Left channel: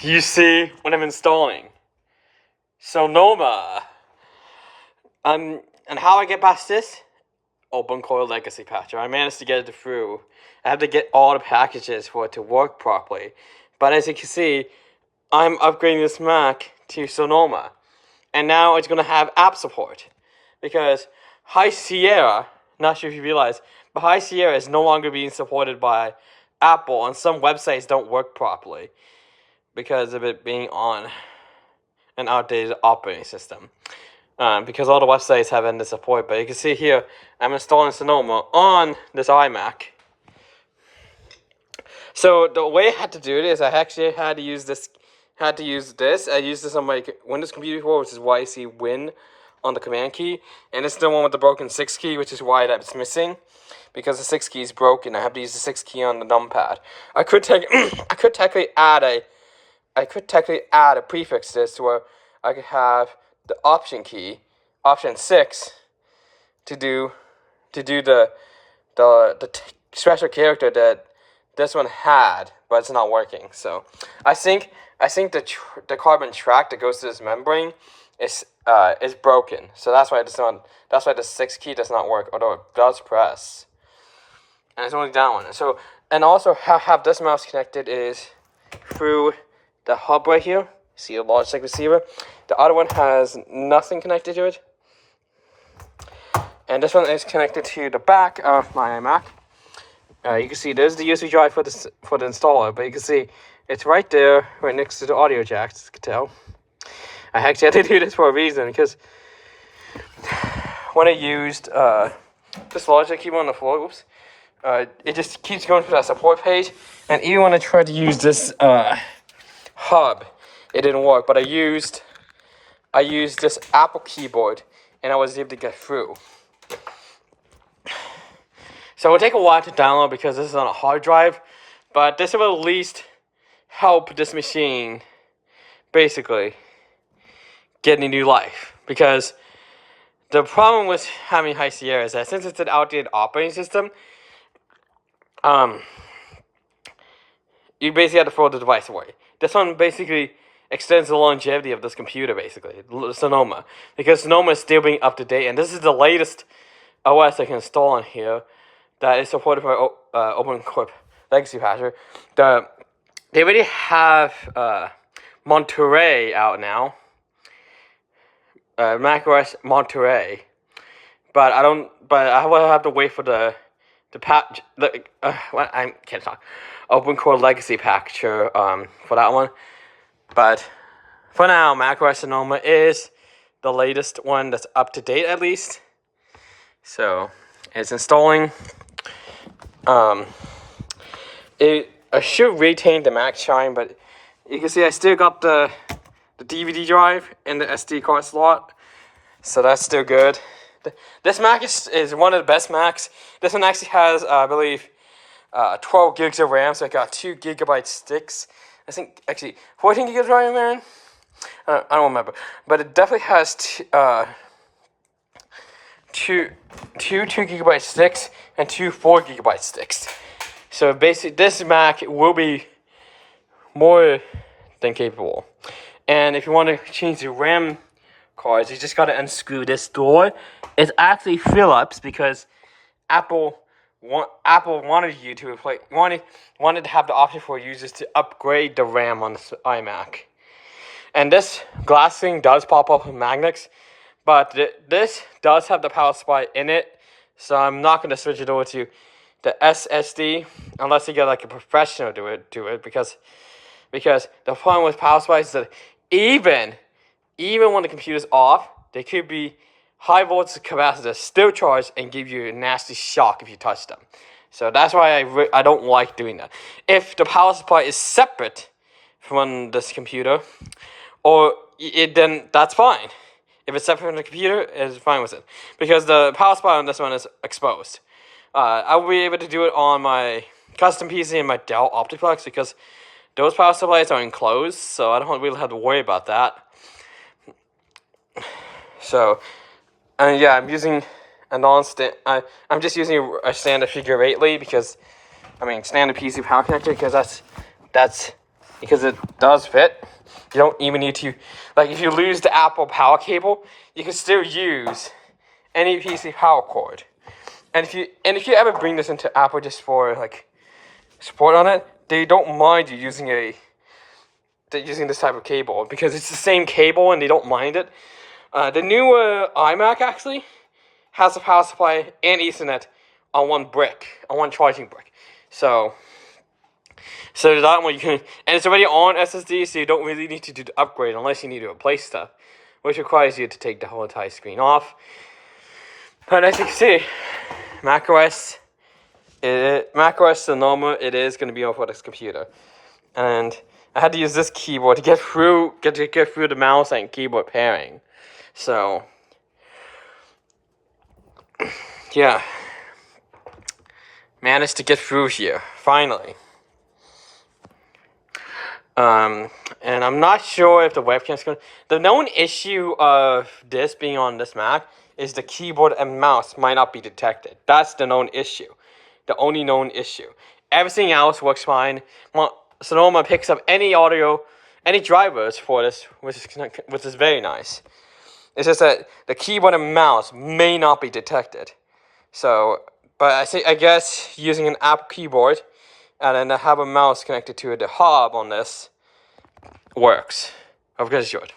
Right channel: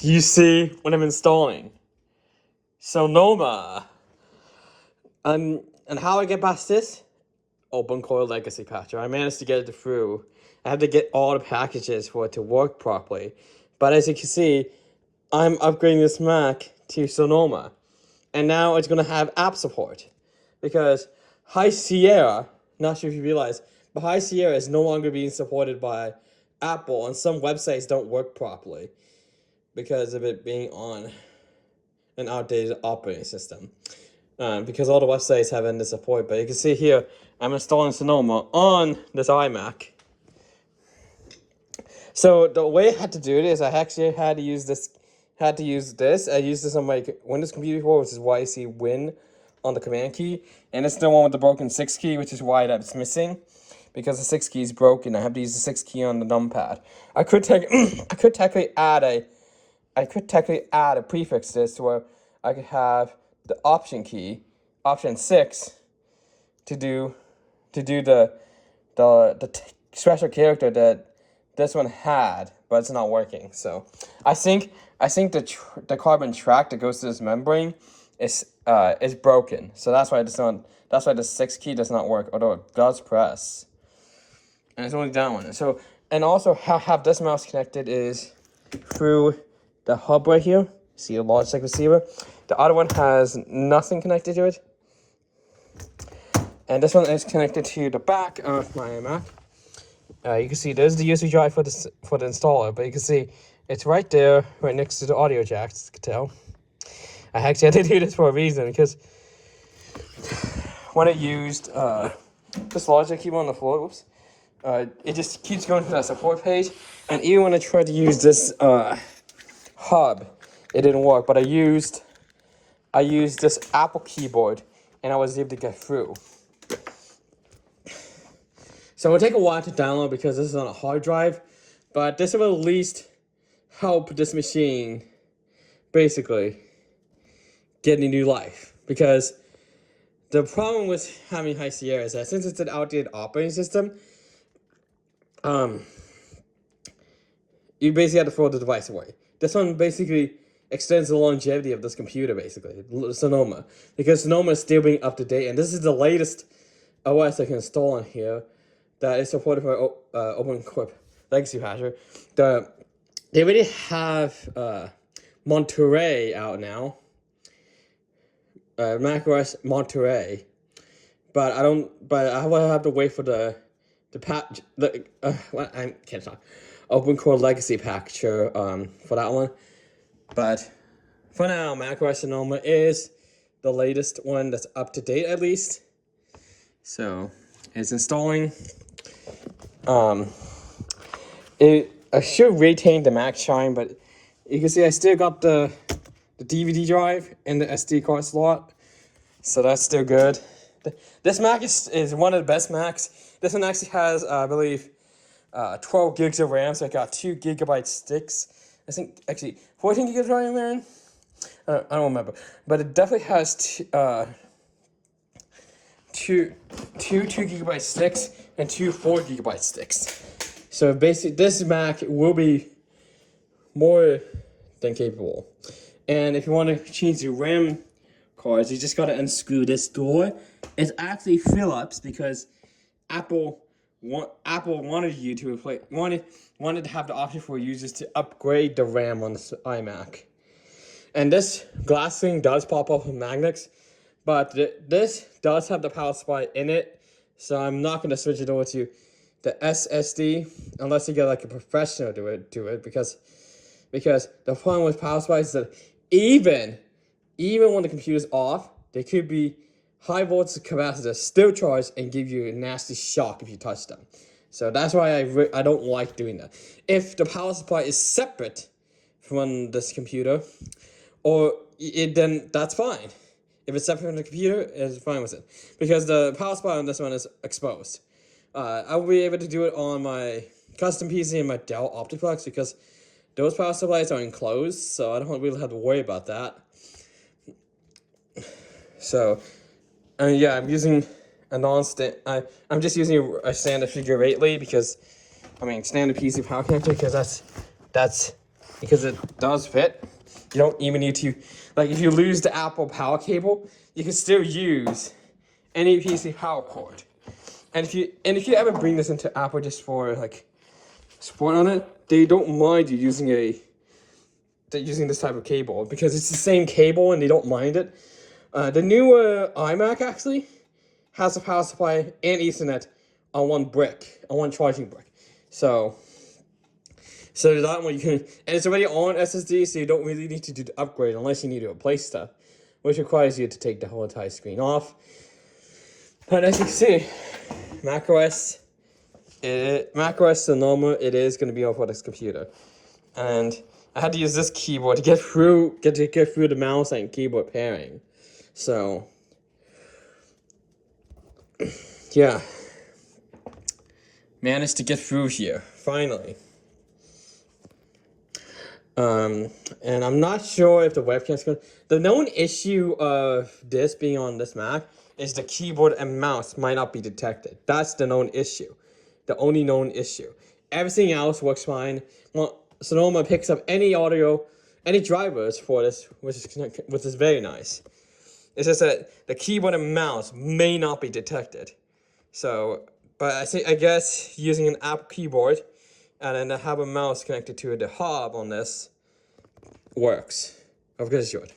you see what I'm installing. Sonoma. And how I get past this? Open core legacy patch. I managed to get it through. I have to get all the packages for it to work properly. But as you can see, I'm upgrading this Mac to Sonoma. And now it's going to have app support. Because High Sierra, not sure if you realize, but High Sierra is no longer being supported by Apple, and some websites don't work properly because of it being on an outdated operating system. Because all the websites have ended support, but you can see here, I'm installing Sonoma on this iMac. So the way I had to do it is I actually had to use this. I used this on my Windows computer before, which is why I see Win on the command key, and it's the one with the broken 6 key, which is why that's missing, because the 6 key is broken. I have to use the 6 key on the numpad. I could technically add a prefix to this to where I could have the option key, option 6, to do the special character that this one had, but it's not working. So I think the carbon track that goes to this membrane is broken. So that's why the 6 key does not work, although it does press. And it's only that one. So, and also have this mouse connected is through the hub right here. See a Logitech receiver. The other one has nothing connected to it. And this one is connected to the back of my iMac. You can see there's the USB drive for the installer, but you can see it's right there, right next to the audio jacks, as you can tell. I actually had to do this for a reason, because when I used this Logitech keyboard on the floor, it just keeps going to that support page, and even when I tried to use this hub, it didn't work. But I used this Apple keyboard, and I was able to get through. So it will take a while to download because this is on a hard drive, but this will at least help this machine basically get a new life. Because the problem with having High Sierra is that since it's an outdated operating system, you basically have to throw the device away. This one basically extends the longevity of this computer, basically, Sonoma, because Sonoma is still being up to date, and this is the latest OS I can install on here that is supported by Open Core Legacy Patcher. They already have Monterey out now, Mac OS Monterey, but I will have to wait for the patch. I can't talk. Open Core Legacy Patcher for that one, but for now, Mac OS Sonoma is the latest one that's up to date, at least. So it's installing. It should retain the Mac shine, but you can see I still got the DVD drive in the SD card slot, so that's still good. This Mac is one of the best Macs. This one actually has, I believe, 12 gigs of RAM, so I got 2 gigabyte sticks. I think actually 14 gigs of RAM, man. I don't remember, but it definitely has two 2 gigabyte sticks and 2 4 gigabyte sticks. So basically, this Mac will be more than capable. And if you want to change the RAM cards, you just gotta unscrew this door. It's actually Phillips because Apple wanted you to replace wanted to have the option for users to upgrade the RAM on this iMac. And this glass thing does pop up with magnets, but this does have the power supply in it, so I'm not going to switch it over to the SSD unless you get like a professional do it because the problem with power supplies is that even when the computer's off, they could be high voltage capacitors still charged and give you a nasty shock if you touch them. So that's why I don't like doing that. If the power supply is separate from this computer, then that's fine. If it's separate from the computer, it's fine with it. Because the power supply on this one is exposed. I will be able to do it on my custom PC and my Dell Optiplex because those power supplies are enclosed, so I don't really have to worry about that. So, yeah, I'm using a I'm just using a standard figure 8 lead because, standard PC power connector because that's because it does fit. You don't even need to, like, if you lose the Apple power cable, you can still use any PC power cord. And if you ever bring this into Apple just for like support on it, they don't mind you using this type of cable because it's the same cable and they don't mind it. The newer iMac actually has a power supply and Ethernet on one charging brick. So that one you can, and it's already on SSD, so you don't really need to do the upgrade unless you need to replace stuff, which requires you to take the whole entire screen off. But as you can see, Mac OS Sonoma, it is going to be on for this computer, and I had to use this keyboard to get through the mouse and keyboard pairing. So yeah, managed to get through here finally. And I'm not sure if the webcam's going to... The known issue of this being on this Mac is the keyboard and mouse might not be detected. That's the known issue. The only known issue. Everything else works fine. Well, Sonoma picks up any audio, any drivers for this, which is very nice. It's just that the keyboard and mouse may not be detected. So, but I guess using an Apple keyboard and then have a mouse connected to the hub on this works. Of course it should.